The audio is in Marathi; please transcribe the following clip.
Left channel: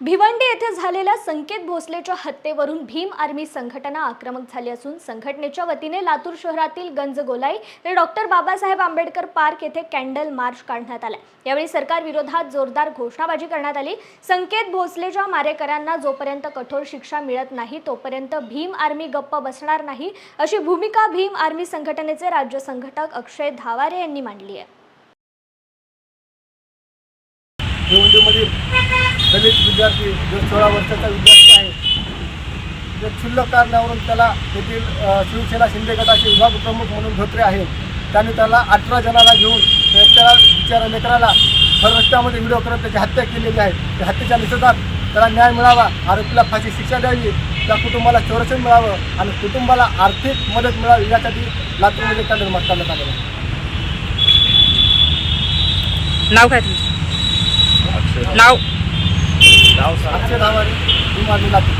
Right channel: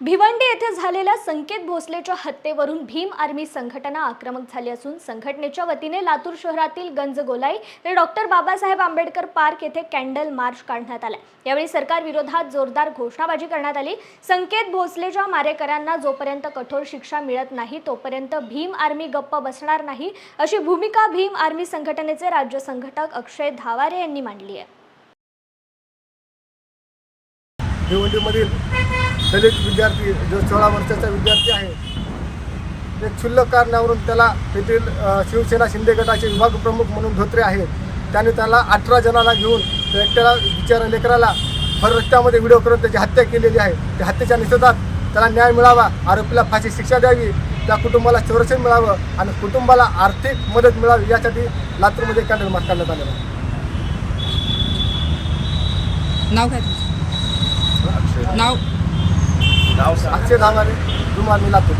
भिवंडी येथे झालेल्या संकेत भोसलेच्या हत्येवरून भीम आर्मी संघटना आक्रमक झाली असून संघटनेच्या वतीने लातूर शहरातील गंजगोलाई ते डॉक्टर बाबासाहेब आंबेडकर पार्क येथे कॅन्डल मार्च काढण्यात आला। यावेळी सरकार विरोधात जोरदार घोषणाबाजी करण्यात आली। संकेत भोसलेच्या मारेकऱ्यांना जोपर्यंत कठोर शिक्षा मिळत नाही तोपर्यंत भीम आर्मी गप्प बसणार नाही अशी भूमिका भीम आर्मी संघटनेचे राज्य संघटक अक्षय धावारे यांनी मांडली आहे। भिवंडीमधील दलित विद्यार्थी जो 16 वर्षाचा विद्यार्थी आहे, ते क्षुल्लक कारणावरून त्याला येथील शिवसेना शिंदे गटाचे विभाग प्रमुख म्हणून धोत्रे आहेत, त्याने त्याला 18 जणांना घेऊन त्या बिचारा लेकराला भर रस्त्यामध्ये व्हिडिओ करून त्याची हत्या केलेली आहे। त्या हत्येच्या निषेधात त्याला न्याय मिळावा, आरोपीला फाशी शिक्षा द्यावी, त्या कुटुंबाला संरक्षण मिळावं आणि कुटुंबाला आर्थिक मदत मिळावी यासाठी लातूरमध्ये कॅन्डल मार्च करण्यात आलेला आहे। नाव काय तुमचं? नाव अक्षय धावारे, भीम आर्मी लातूर।